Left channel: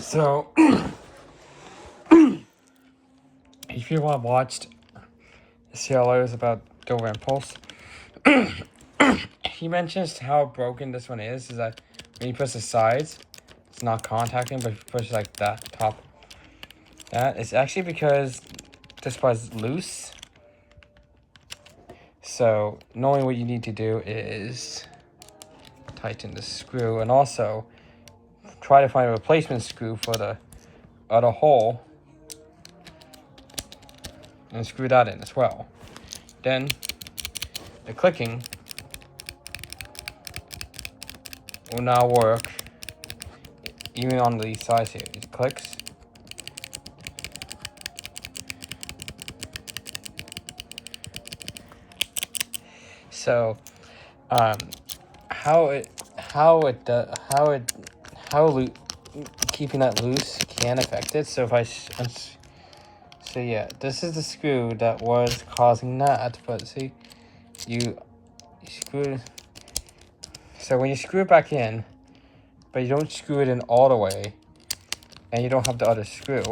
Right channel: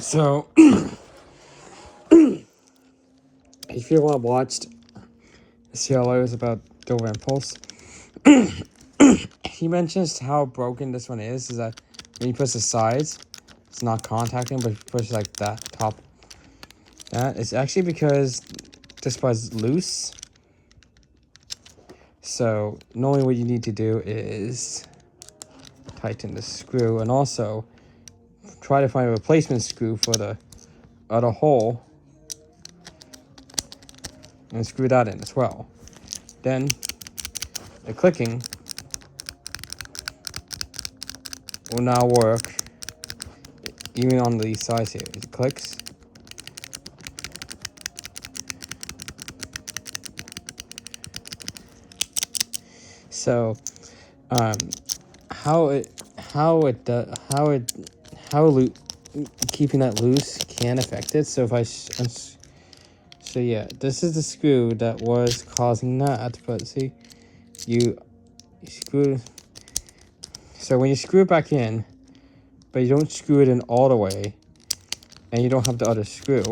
So, if you want to watch CLOs about Dover Impulse, he mentions how broken this one is that when you push the sides, it's not contacting, but if you push like that top, that it's actually because this part's loose. So normally what you need to do is tighten the screw and also try to find a replacement screw for the other hole and screw that in as well. Then the clicking will now work even on these sides here. It clicks. So keeping that loose can affect it. So if I so yeah, this is the screw that was causing that, but see, you screw. So when you screw it back in, but you don't screw it in all the way, and you don't have the other screw.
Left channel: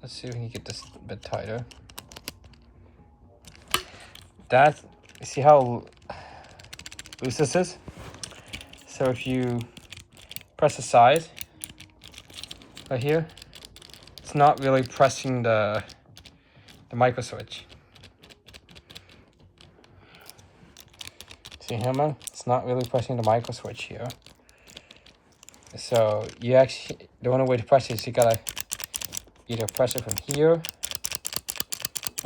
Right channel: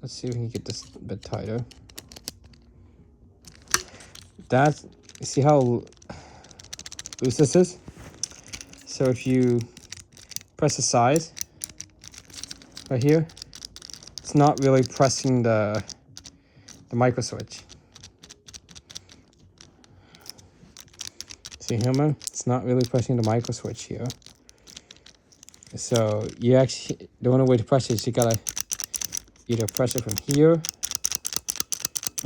Let's see if we can get this a bit tighter. See how loose this is? So if you press the sides right here, it's not really pressing the micro switch. See how man? It's not really pressing the micro switch here. So you actually, the only way to press it is you gotta either press it from here,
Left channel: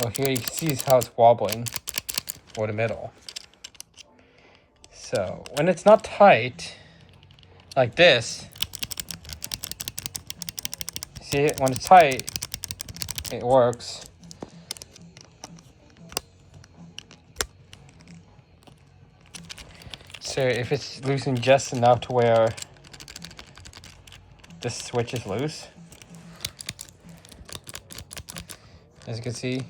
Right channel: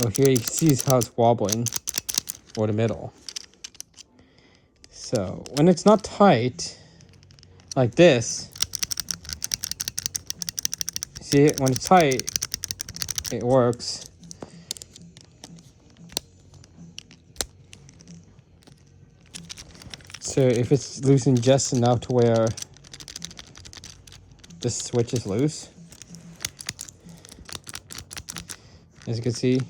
or here you can see how it's wobbling, or the middle. So when it's not tight, like this, see it, when it's tight, it works. So if it's loosened just enough to where this switch is loose, as you can see,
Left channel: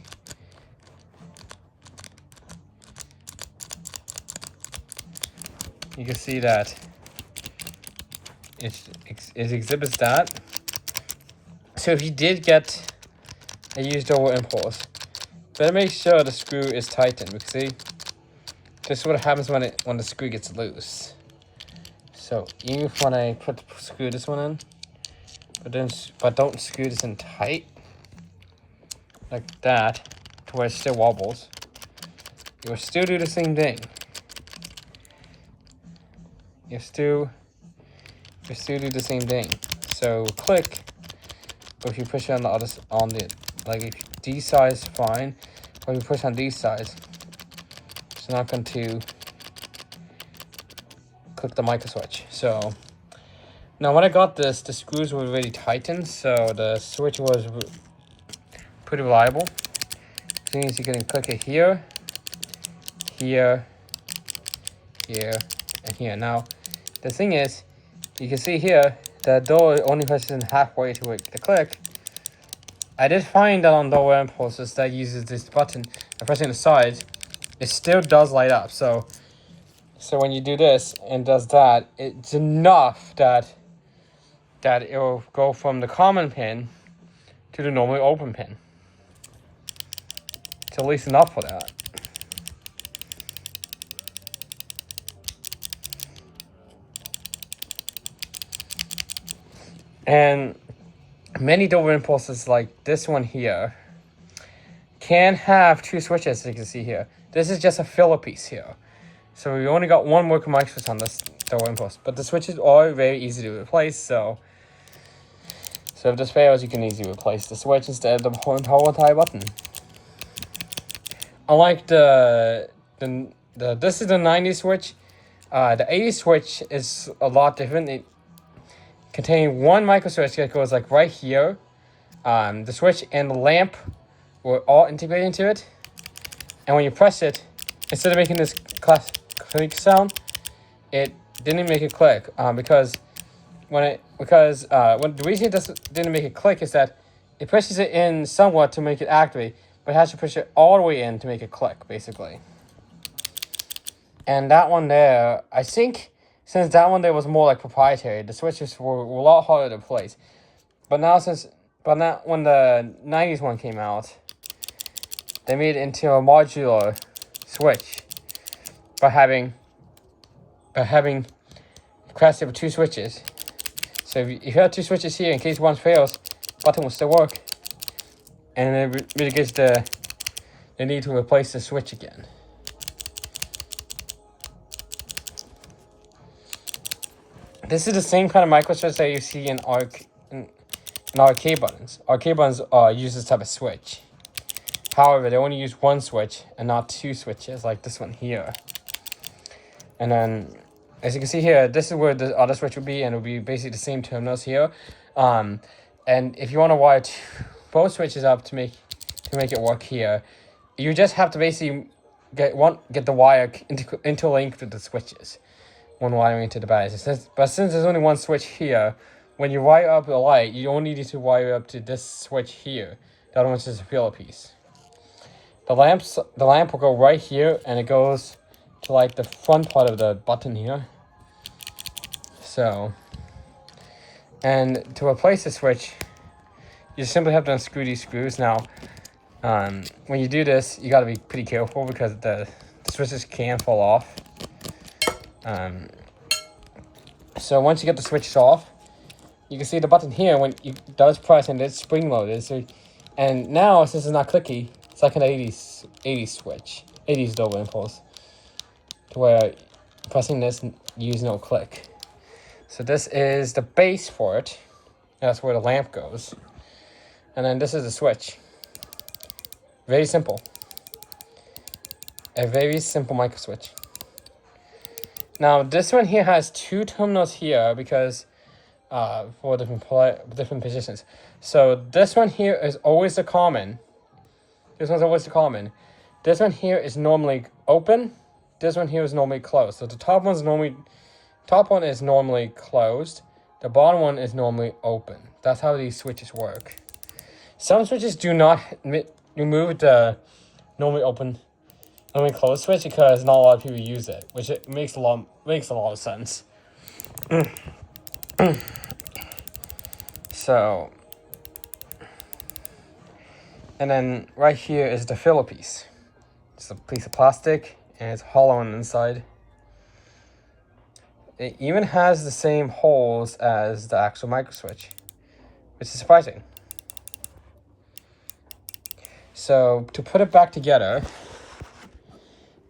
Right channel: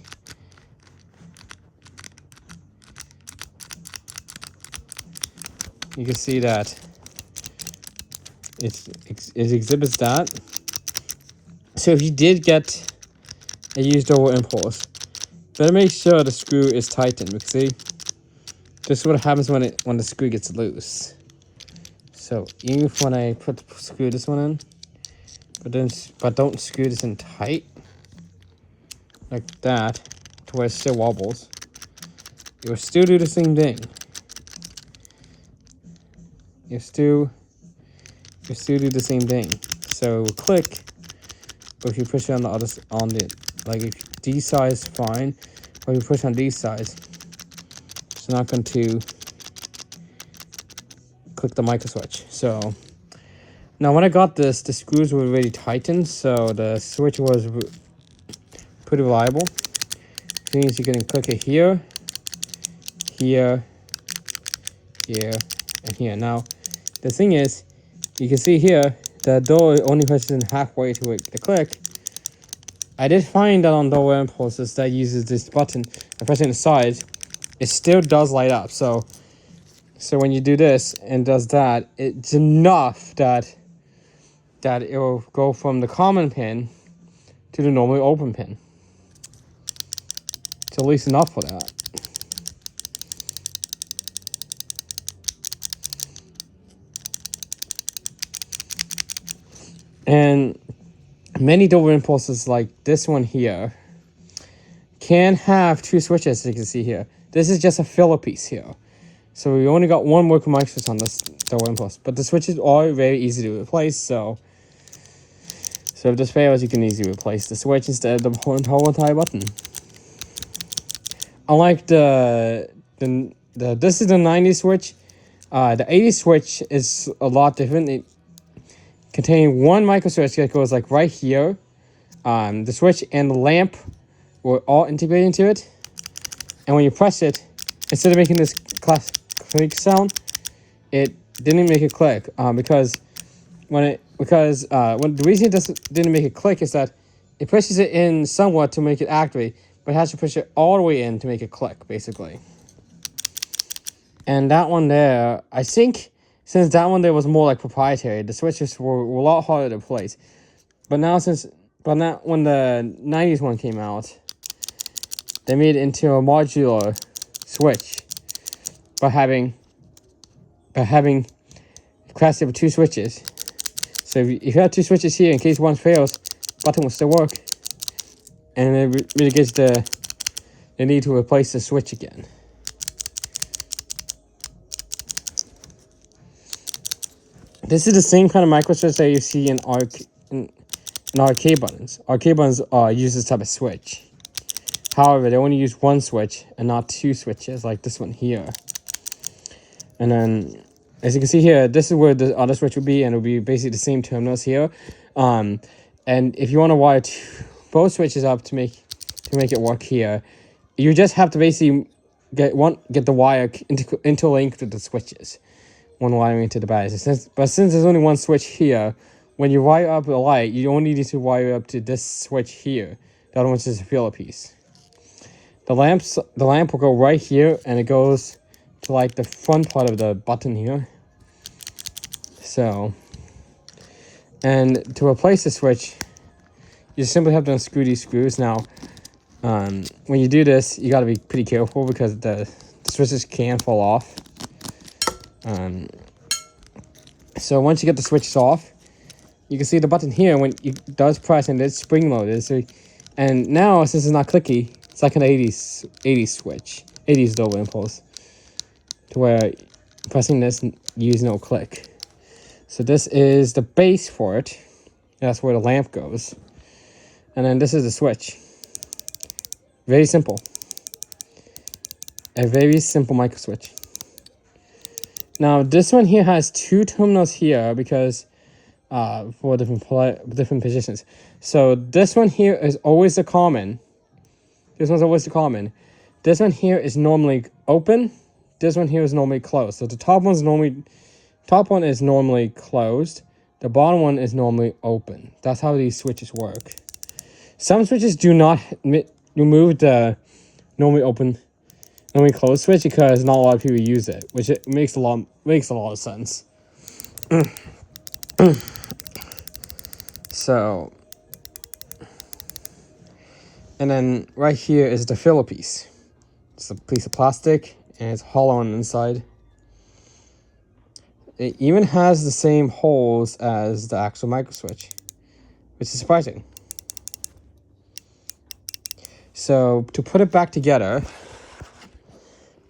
you can see that it exhibits that. So if you did get a used Dover Impulse, better make sure the screw is tightened, because see, this is what happens when the screw gets loose. So even when I screw this one in, but don't screw this in tight like that to where it still wobbles, you'll still do the same thing. You still do the same thing. So click, but if you push it on like if these sides fine, or you push on these sides, it's not going to click the micro switch. So now when I got this, the screws were already tightened, so the switch was pretty reliable. Things you can click it here, here, here, and here. Now the thing is, you can see here that door only pushes in halfway to the click. I did find that on Dover Impulses that uses this button, by pressing the sides, it still does light up. So when you do this and does that, it's enough that it will go from the common pin to the normally open pin. It's at least enough for that. And many Dover Impulses like this one here can have two switches, as you can see here. This is just a filler piece here. So we only got one working mic switch on this Dover Impulse, but the switches are very easy to replace. So if this fails, you can easily replace the switch instead of the whole entire button. Unlike this is the 90 switch. The 80 switch is a lot different. It contains one micro switch that goes like right here. The switch and the lamp were all integrated into it, and when you press it, instead of making this click sound, it didn't make a click because the reason it didn't make a click is that it pushes it in somewhat to make it activate, but it has to push it all the way in to make it click, basically. And that one there, I think since that one there was more like proprietary, the switches were a lot harder to place. But now when the 90s one came out, they made it into a modular switch by having capacity of 2 switches. So if you have 2 switches here, in case one fails, button will still work, and it mitigates the need to replace the switch again. This is the same kind of micro switch that you see in arcade buttons. Arcade buttons use this type of switch. However, they only use 1 switch and not 2 switches like this one here. And then, as you can see here, this is where the other switch would be, and it would be basically the same terminals here. And if you want to wire both switches up to make it work here, you just have to basically get the wire interlinked with the switches when wiring into the batteries. But since there's only 1 switch here, when you wire up the light, you only need to wire up to this switch here. The other one's just a filler piece. The lamp will go right here, and it goes to like the front part of the button here. So, and to replace the switch, you simply have to unscrew these screws. Now, when you do this, you got to be pretty careful because the switches can fall off. So once you get the switches off, you can see the button here when it does press and it's spring loaded. So, and now since it's not clicky, it's like an 80s switch, 80s double impulse, to where pressing this use no click. So this is the base for it. That's where the lamp goes. And then this is the switch. Very simple. A very simple micro switch. Now this one here has 2 terminals here because for different positions. So this one here is always the common. This one's always the common. This one here is normally open. This one here is normally closed. So the top one is normally closed. The bottom one is normally open. That's how these switches work. Some switches do not remove the normally open, normally closed switch because not a lot of people use it, which it makes a lot of sense. So, and then right here is the filler piece. It's a piece of plastic and it's hollow on the inside. It even has the same holes as the actual micro switch, which is surprising. So to put it back together,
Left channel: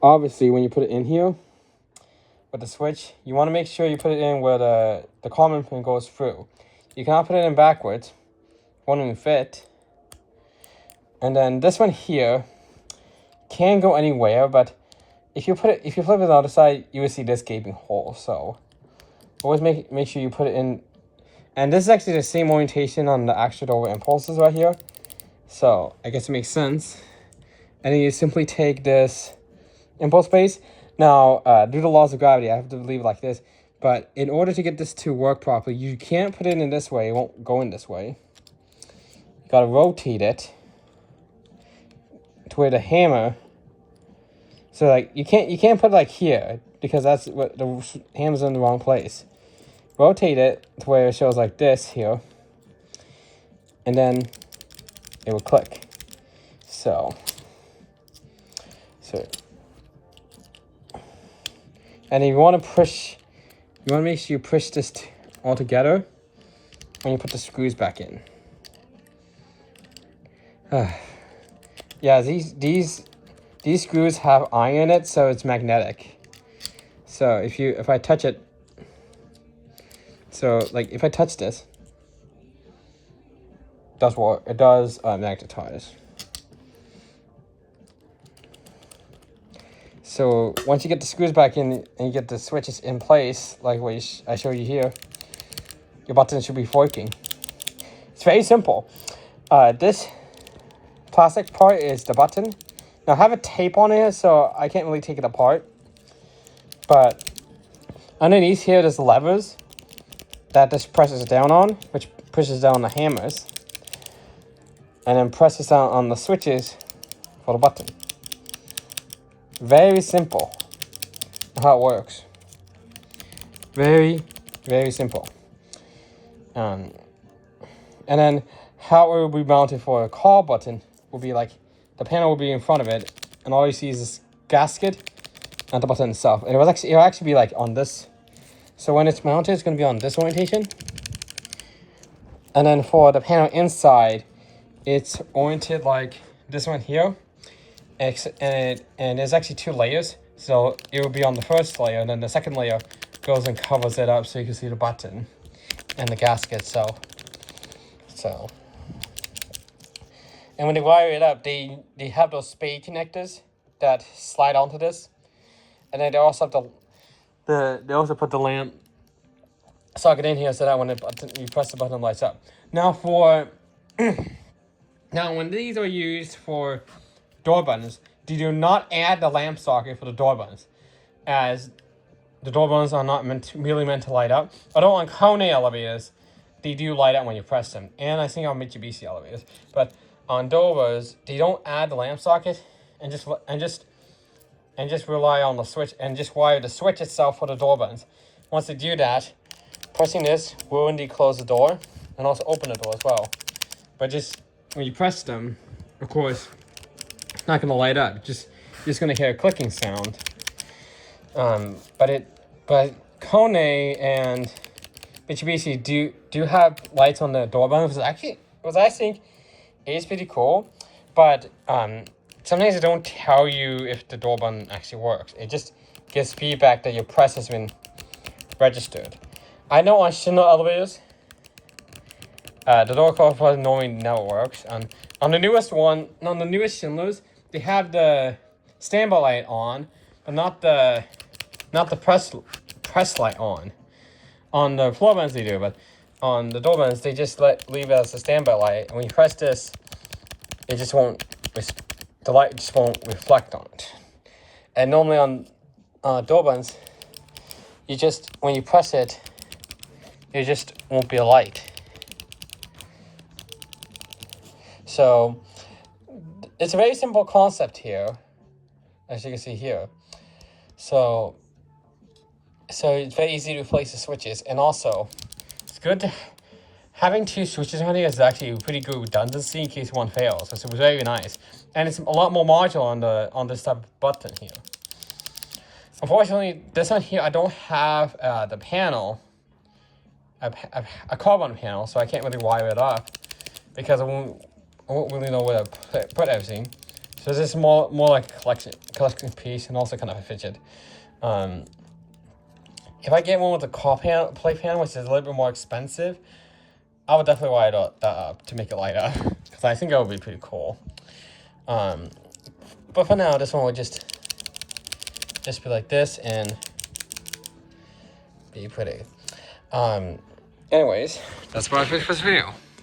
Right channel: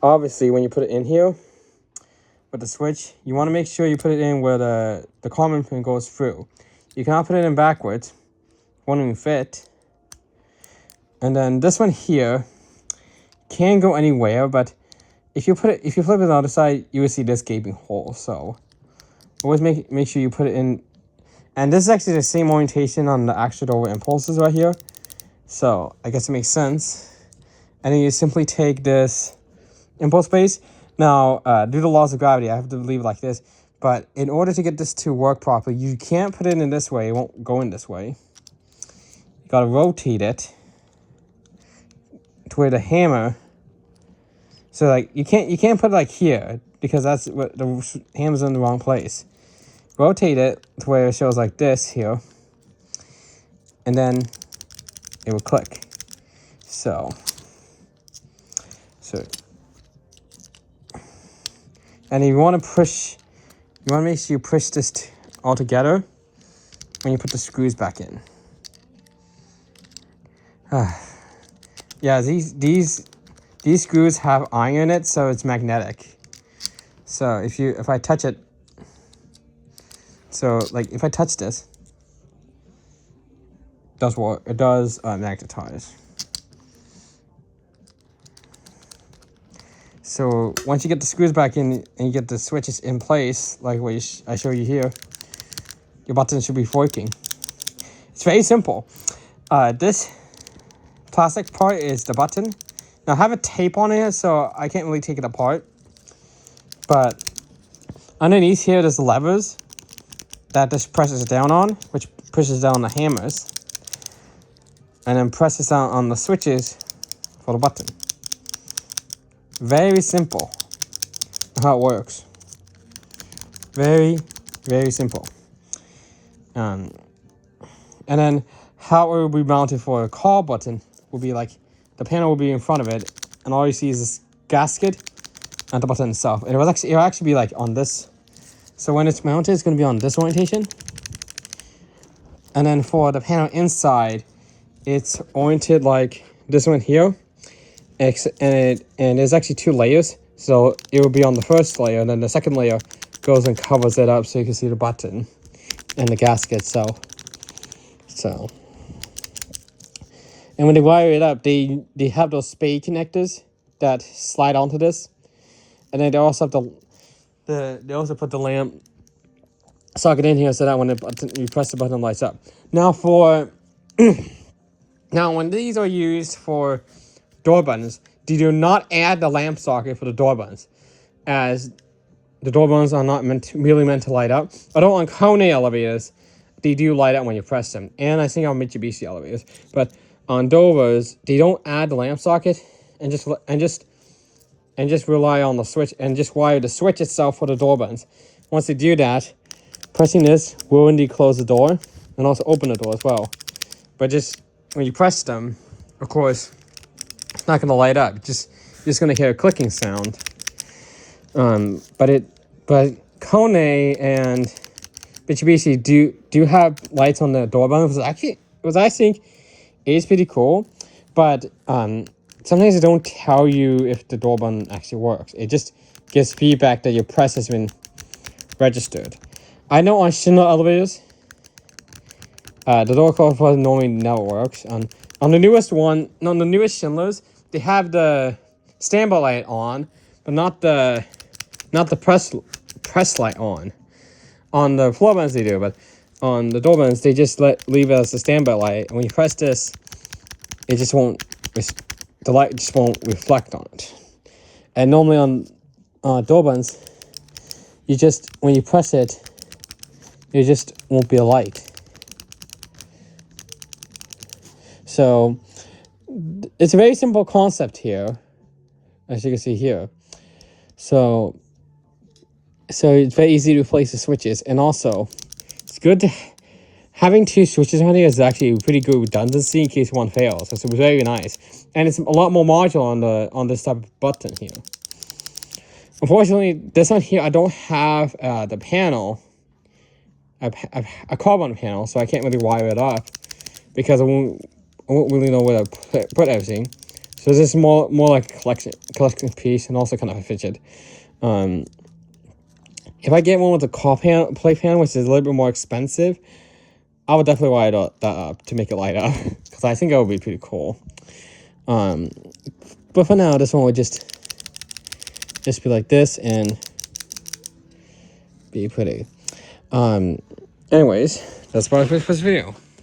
obviously when you put it in here with the switch, you want to make sure you put it in where the common pin goes through. You cannot put it in backwards, won't even fit. And then this one here can go anywhere, but if you flip it on the other side, you will see this gaping hole. So always make sure you put it in. And this is actually the same orientation on the actual double impulses right here. So I guess it makes sense. And then you simply take this impulse base. Now, due to the laws of gravity, I have to leave it like this. But in order to get this to work properly, you can't put it in this way. It won't go in this way. You gotta rotate it to where the hammer. So like you can't put it like here because that's what the hammer's in the wrong place. Rotate it to where it shows like this here, and then it will click. So, and if you want to push, you want to make sure you push this all together when you put the screws back in. Yeah, these screws have iron in it, so it's magnetic. So if I touch it, so like if I touch this, it does magnetize. So once you get the screws back in and you get the switches in place, like what I showed you here, your button should be working. It's very simple. This plastic part is the button. Now I have a tape on it, so I can't really take it apart. But underneath here, there's levers that this presses down on, which pushes down the hammers, and then presses down on the switches for the button. Very simple how it works. Very, very simple. And then how it will be mounted for a call button will be like the panel will be in front of it, and all you see is this gasket and the button itself. And it'll actually be like on this. So when it's mounted, it's going to be on this orientation. And then for the panel inside, it's oriented like this one here. And there's actually 2 layers. So it will be on the first layer, and then the second layer goes and covers it up so you can see the button and the gasket itself. So, and when they wire it up, they have those spade connectors that slide onto this, and then they also have they also put the lamp socket in here so that when you press the button, it lights up. Now now when these are used for door buttons, they do not add the lamp socket for the door buttons, as the door buttons are not really meant to light up. Although on Kone elevators, they do light up when you press them, and I think on Mitsubishi elevators. But on Dovers, they don't add the lamp socket and just rely on the switch and just wire the switch itself for the door buttons. Once they do that, pressing this will indeed close the door and also open the door as well. But just when you press them, of course, it's not going to light up. You're just going to hear a clicking sound. But Kone and Mitsubishi do have lights on the door buttons. I think is pretty cool. But sometimes they don't tell you if the door button actually works. It just gives feedback that your press has been registered. I know on Schindler elevators, the door close button normally never works. On the newest Schindlers, they have the standby light on, but not the press light on. On the floor buttons they do, but on the door buttons they just leave it as a standby light. And when you press this, it just won't. The light just won't reflect on it. And normally on door buttons, when you press it, it just won't be a light. So it's a very simple concept here, as you can see here. So it's very easy to replace the switches, and also it's good to having 2 switches on here is actually pretty good redundancy in case one fails. So it's very nice, and it's a lot more modular on this type of button here. Unfortunately, this one here I don't have the panel, a carbon panel, so I can't really wire it up because I won't really know where to put everything. So this is more like a collection piece, and also kind of a fidget. If I get one with a play panel, which is a little bit more expensive, I would definitely wire that up to make it light up, because I think that would be pretty cool. But for now, this one would just be like this and be pretty. Anyways, that's about it for this video.